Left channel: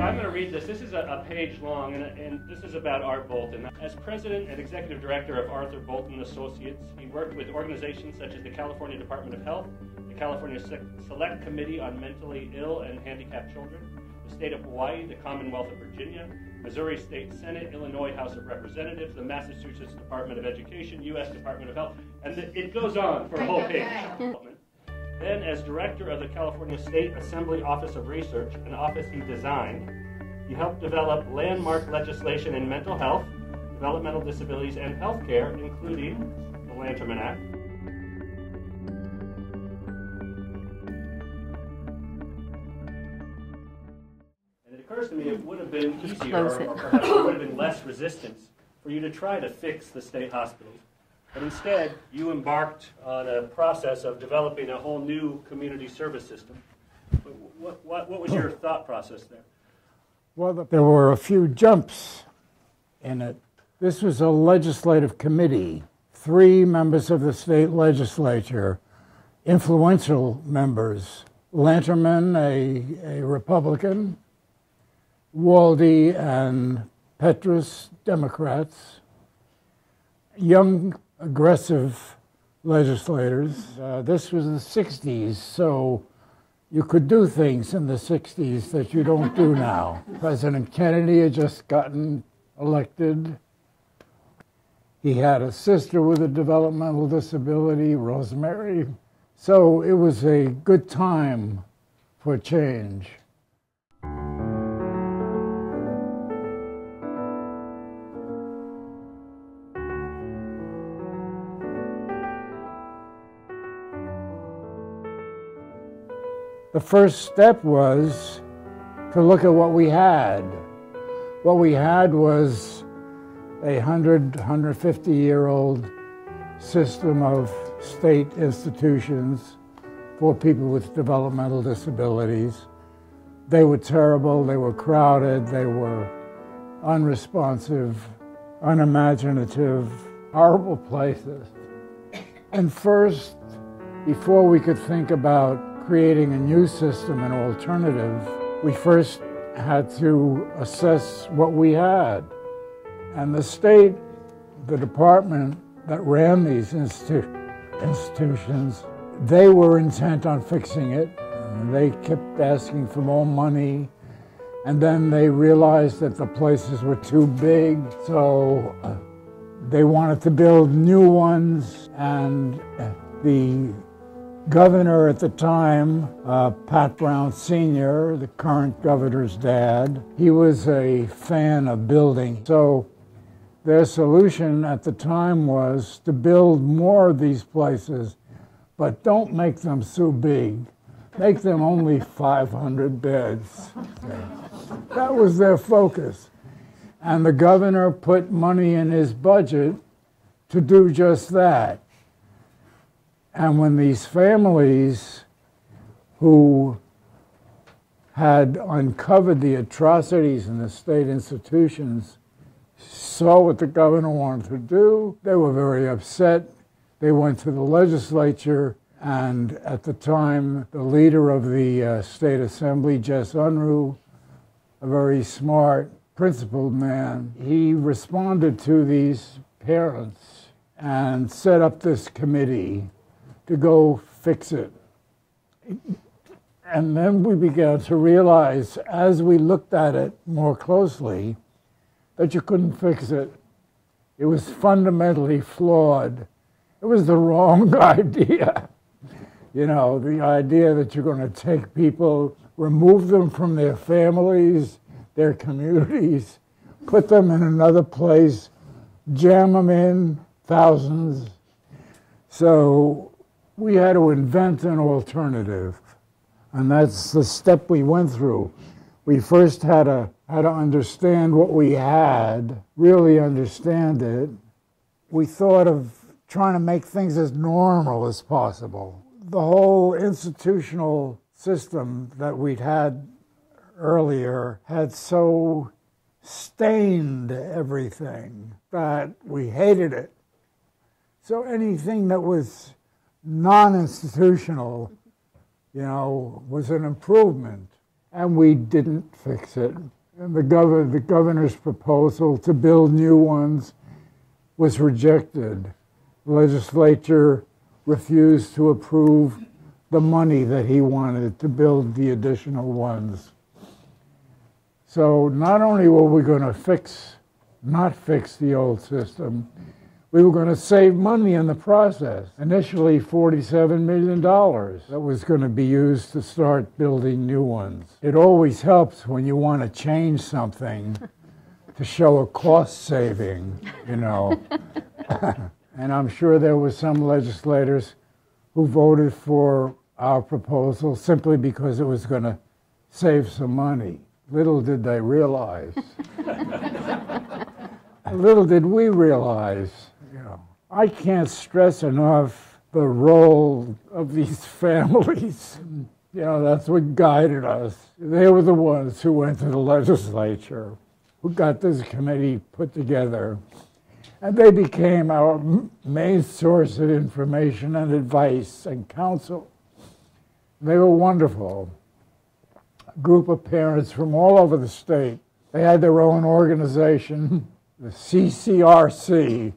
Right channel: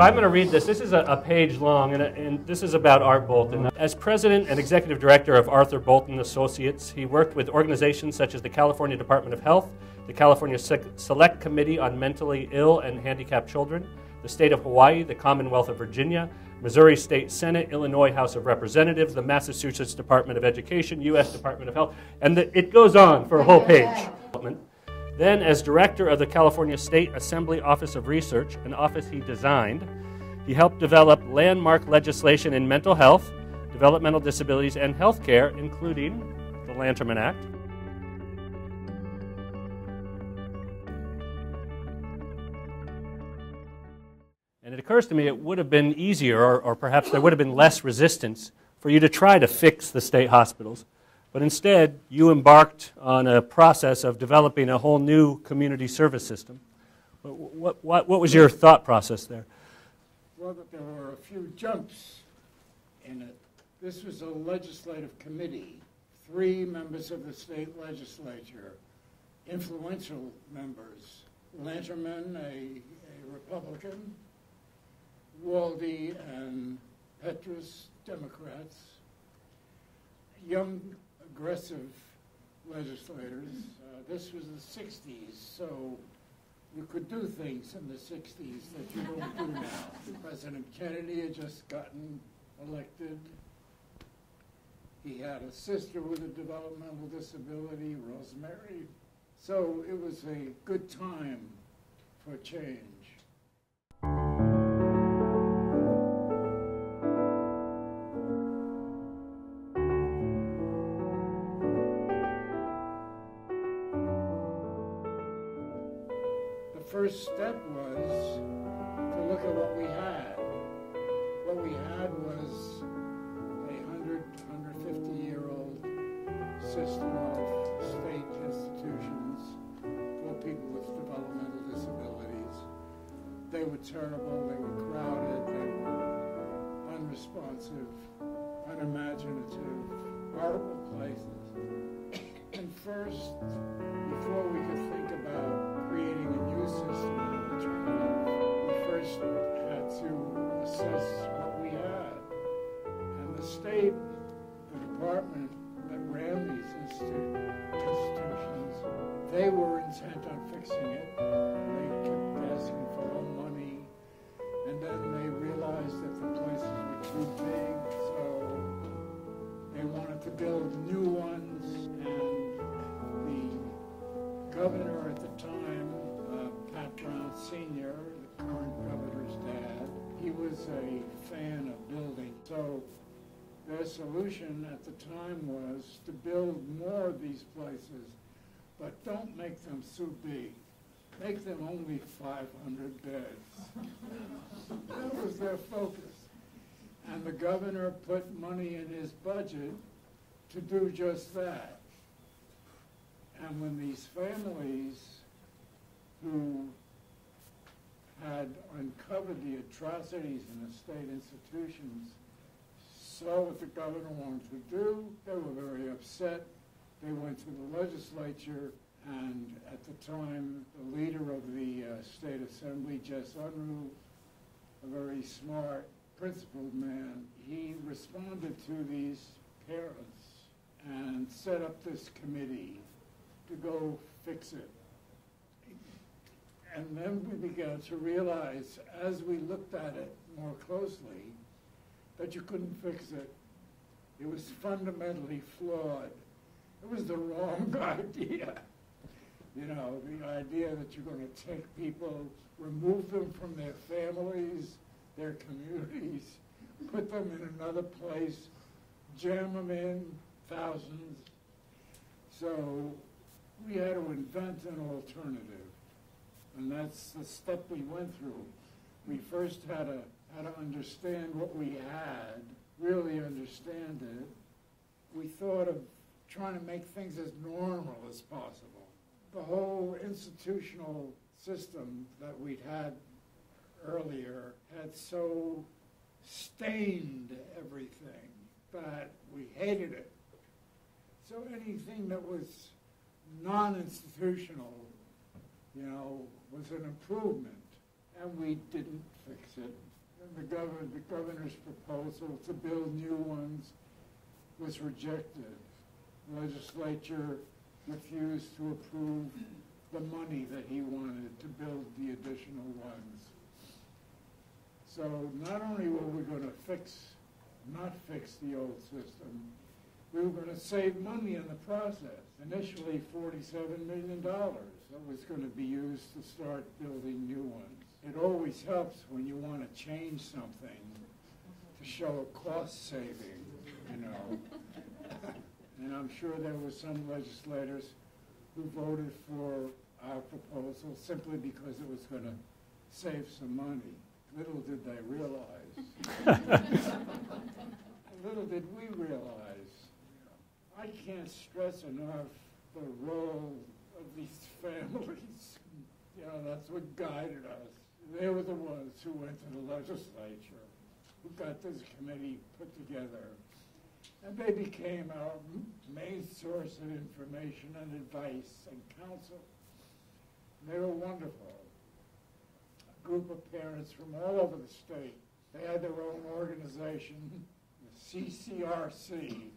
So I'm going to read this. This is a page long, and this is about Art Bolton. As president and executive director of Arthur Bolton Associates, he worked with organizations such as the California Department of Health, the California Select Committee on Mentally Ill and Handicapped Children, the State of Hawaii, the Commonwealth of Virginia, Missouri State Senate, Illinois House of Representatives, the Massachusetts Department of Education, U.S. Department of Health, and it goes on for a whole page. Then, as director of the California State Assembly Office of Research, an office he designed, he helped develop landmark legislation in mental health, developmental disabilities, and healthcare, including the Lanterman Act. And it occurs to me it would have been easier, or perhaps there would have been less resistance for you to try to fix the state hospitals. But instead, you embarked on a process of developing a whole new community service system. What was your thought process there? Well, there were a few jumps in it. This was a legislative committee. 3 members of the state legislature, influential members. Lanterman, a Republican, Waldy and Petrus, Democrats. Young, aggressive legislators. This was the 60s, so you could do things in the 60s that you don't do now. President Kennedy had just gotten elected. He had a sister with a developmental disability, Rosemary. So it was a good time for change. The first step was to look at what we had. What we had was a 150-year-old system of state institutions for people with developmental disabilities. They were terrible, they were crowded, they were unresponsive, unimaginative, horrible places. And first, before we could think about creating a new system, an alternative, we first had to assess what we had. And the state, the department that ran these institutions, they were intent on fixing it. They kept asking for more money. And then they realized that the places were too big, so they wanted to build new ones. And the governor at the time, Pat Brown Sr., the current governor's dad, he was a fan of building. So their solution at the time was to build more of these places, but don't make them so big. Make them only 500 beds. That was their focus. And the governor put money in his budget to do just that. And when these families who had uncovered the atrocities in the state institutions saw what the governor wanted to do, they were very upset. They went to the legislature, and at the time, the leader of the state assembly, Jess Unruh, a very smart, principled man, he responded to these parents and set up this committee to go fix it. And then we began to realize, as we looked at it more closely, that you couldn't fix it. It was fundamentally flawed. It was the wrong idea. You know, the idea that you're going to take people, remove them from their families, their communities, put them in another place, jam them in, thousands. So we had to invent an alternative, and that's the step we went through. We first had to understand what we had, really understand it. We thought of trying to make things as normal as possible. The whole institutional system that we'd had earlier had so stained everything that we hated it. So anything that was non-institutional, you know, was an improvement. and we didn't fix it. And the governor's proposal to build new ones was rejected. The legislature refused to approve the money that he wanted to build the additional ones. So not only were we going to not fix the old system, we were going to save money in the process. Initially, $47 million that was going to be used to start building new ones. It always helps when you want to change something to show a cost saving, you know. And I'm sure there were some legislators who voted for our proposal simply because it was going to save some money. Little did they realize. Little did we realize, you know. I can't stress enough the role of these families. You know, that's what guided us. They were the ones who went to the legislature, who got this committee put together. And they became our main source of information and advice and counsel. They were wonderful. A group of parents from all over the state. They had their own organization, the CCRC.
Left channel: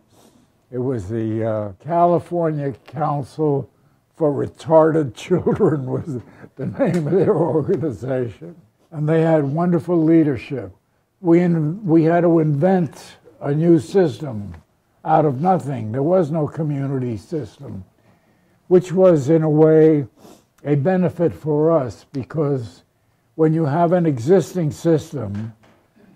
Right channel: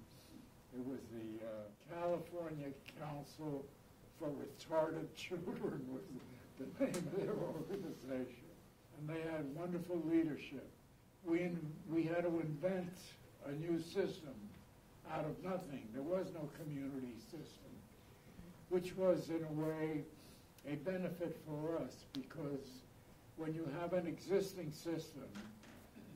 It was the California Council for Retarded Children was the name of their organization. And they had wonderful leadership. We had to invent a new system out of nothing. There was no community system, which was, in a way, a benefit for us, because when you have an existing system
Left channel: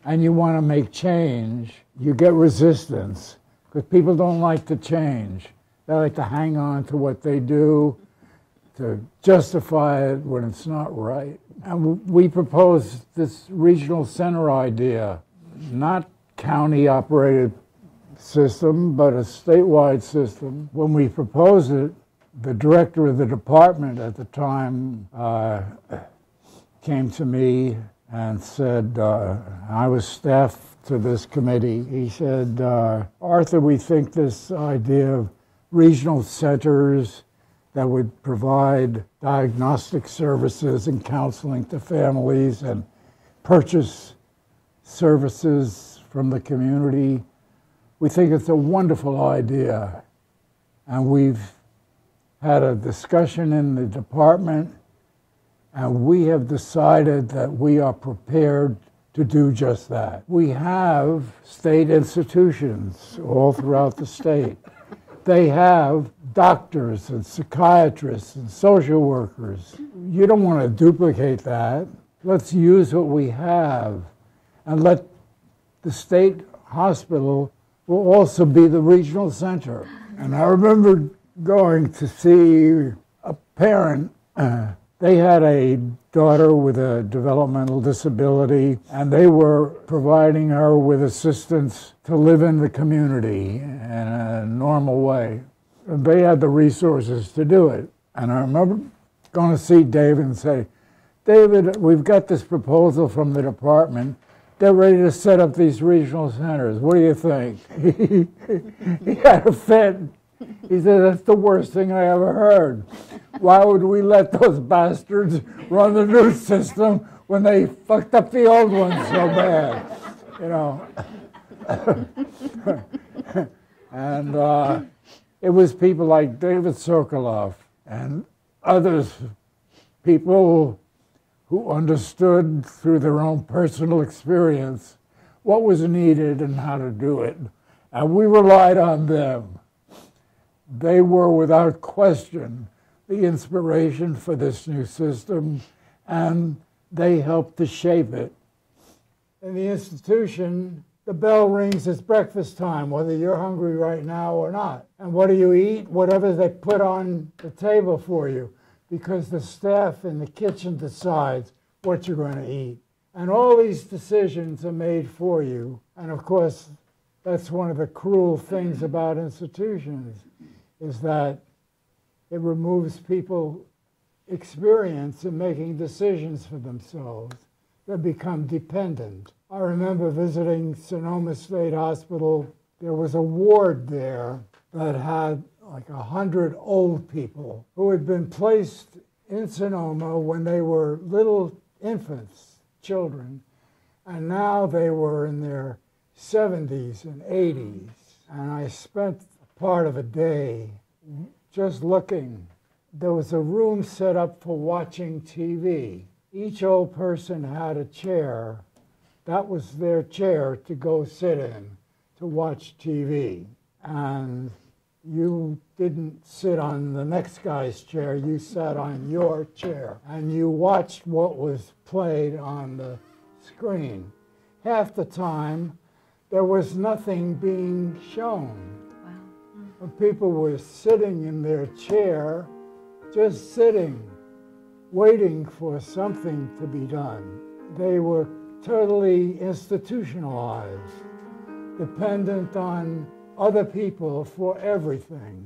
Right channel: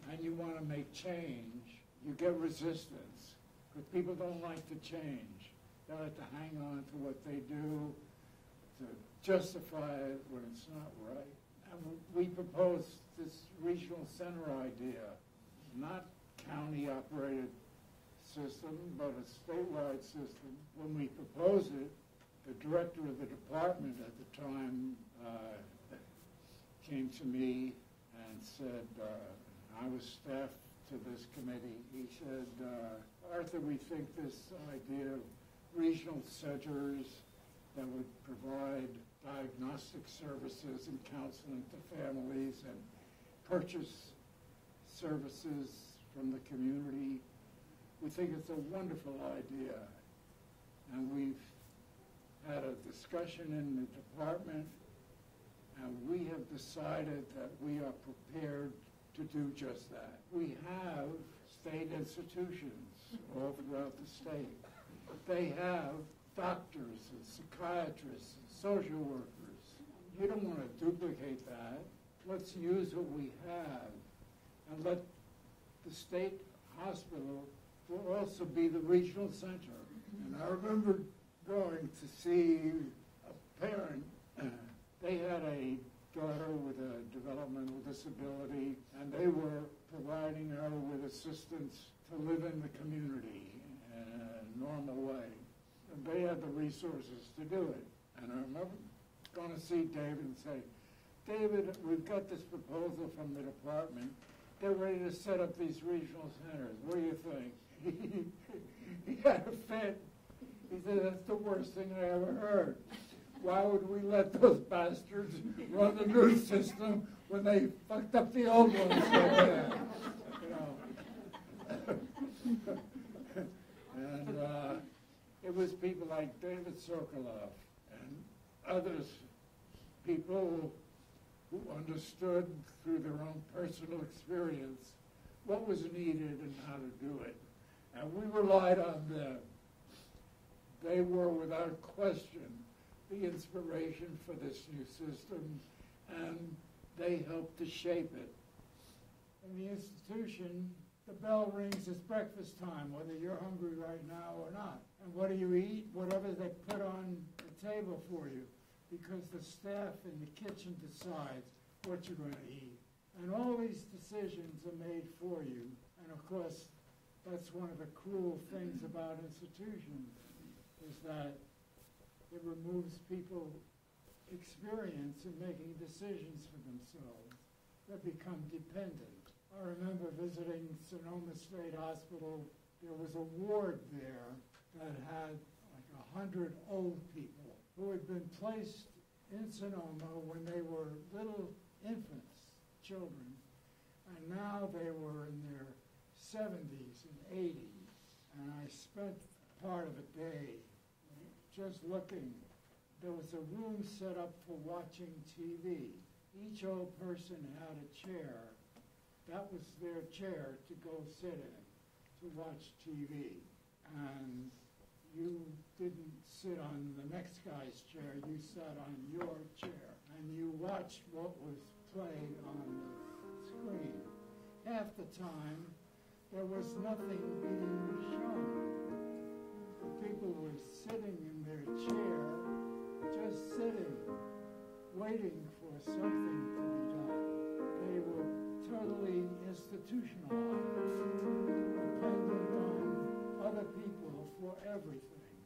and you want to make change, you get resistance, because people don't like to change. They like to hang on to what they do, to justify it when it's not right. And we proposed this regional center idea, not county-operated system, but a statewide system. When we proposed it, the director of the department at the time came to me and said, I was staff to this committee. He said, Arthur, we think this idea of regional centers that would provide diagnostic services and counseling to families and purchase services from the community, we think it's a wonderful idea. And we've had a discussion in the department, and we have decided that we are prepared to do just that. We have state institutions all throughout the state. They have doctors and psychiatrists and social workers. You don't want to duplicate that. Let's use what we have, and let the state hospital will also be the regional center. And I remember going to see a parent. They had a daughter with a developmental disability, and they were providing her with assistance to live in the community in a normal way. And they had the resources to do it. And I remember going to see David and say, David, we've got this proposal from the department. They're ready to set up these regional centers. What do you think? He had a fit. He said, that's the worst thing I ever heard. Why would we let those bastards run the new system when they fucked up the old one so bad? You know. And it was people like David Sokoloff and others, people who understood through their own personal experience what was needed and how to do it. And we relied on them. They were, without question, the inspiration for this new system, and they helped to shape it. In the institution, the bell rings, it's breakfast time, whether you're hungry right now or not. And what do you eat? Whatever they put on the table for you, because the staff in the kitchen decides what you're going to eat. And all these decisions are made for you. And of course, that's one of the cruel things about institutions, is that it removes people's experience in making decisions for themselves. They become dependent. I remember visiting Sonoma State Hospital. There was a ward there that had like 100 old people who had been placed in Sonoma when they were little infants, children, and now they were in their 70s and 80s. And I spent part of a day just looking. There was a room set up for watching TV. Each old person had a chair. That was their chair to go sit in to watch TV. And you didn't sit on the next guy's chair, you sat on your chair. And you watched what was played on the screen. Half the time, there was nothing being shown. Wow. And people were sitting in their chair, just sitting, waiting for something to be done. They were totally institutionalized, dependent on other people for everything.